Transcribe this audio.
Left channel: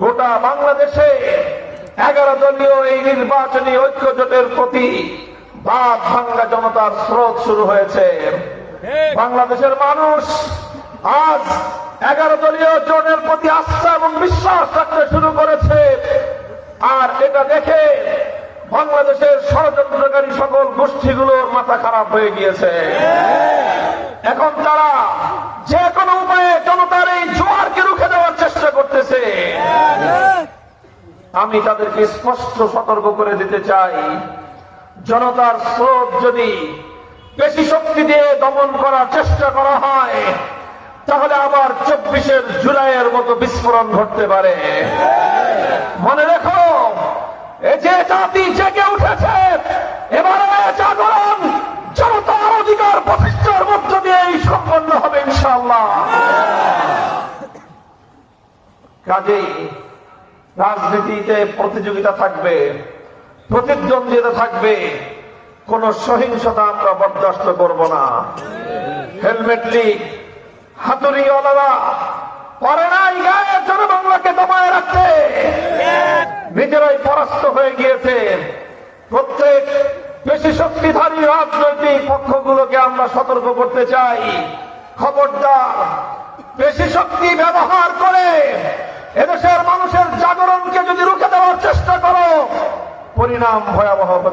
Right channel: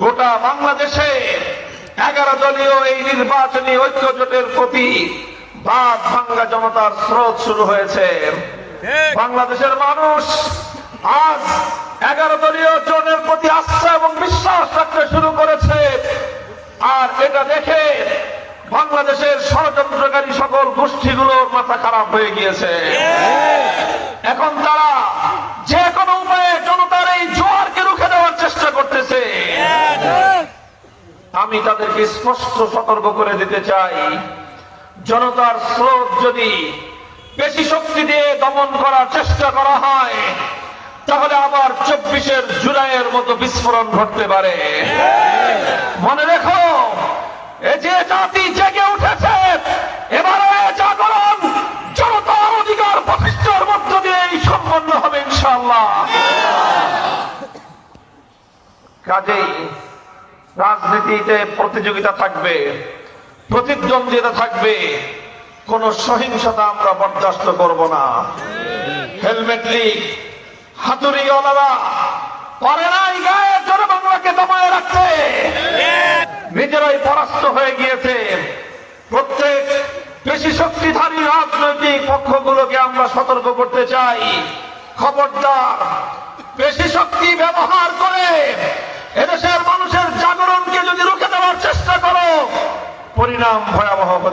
গোটা বাংলাদেশে 11 দলীয় এই নির্বাচনী ঐক্যজোটের প্রতি বাদ ভাঙ্গা জনতার স্রোত শুরু হয়েছে। বাংলাদেশের মানুষ আজ 11 দলীয় জোটের প্রতি আস্থা এবং বিশ্বাস রাখতে শুরু করেছে। আর এটা দেখে বাংলাদেশের ষড়যন্ত্রকারী সকল গোষ্ঠীগুলোর মাথা খারাপ হয়ে গিয়েছে। এখন তারা যে কোনো উপায়ে জনতার এই জোয়ারকে রুখে দেওয়ার চেষ্টা করতেছে। আমি তাদেরকে স্পষ্ট সতর্ক করে দিতে চাই, জনতার স্রোত যদি বেশি শক্তি দিয়ে দমন করার চেষ্টা করা হয় তাহলে আবার 24 জুলাইয়ের মতো বিস্ফোরণ ঘটতে পারে। মনে রেখো, এই যে জাতি জেগে উঠেছে, এবারে জাগরণ জনতার অধিকার প্রতিষ্ঠার মধ্য দিয়েই সম্পন্ন হবে ইনশাআল্লাহ। কাজেই রাজনীতিতে প্রতিযোগিতা থাকবে, প্রতিদ্বন্দ্বিতা থাকবে, কোন সহিংসতা আমরা বরদাস্ত করব না। হেলমেট লীগ, হাতুড়ি ওলারা পারে নাই গায়ের জনবাংলাকে দমায় রাখতে, নিজেরাই পরাস্ত হয়ে গিয়েছে। প্রত্যেক বেশি শক্তিধারী রাজনৈতিক পক্ষগুলোকে আমরা সতর্ক করতে চাই, খবরদার বেশি শক্তি ব্যবহার করে এদেশের মানুষের জাগরণকে যদি রুখে দেওয়ার চেষ্টা করো, পরিণাম ভয়াবহ হতে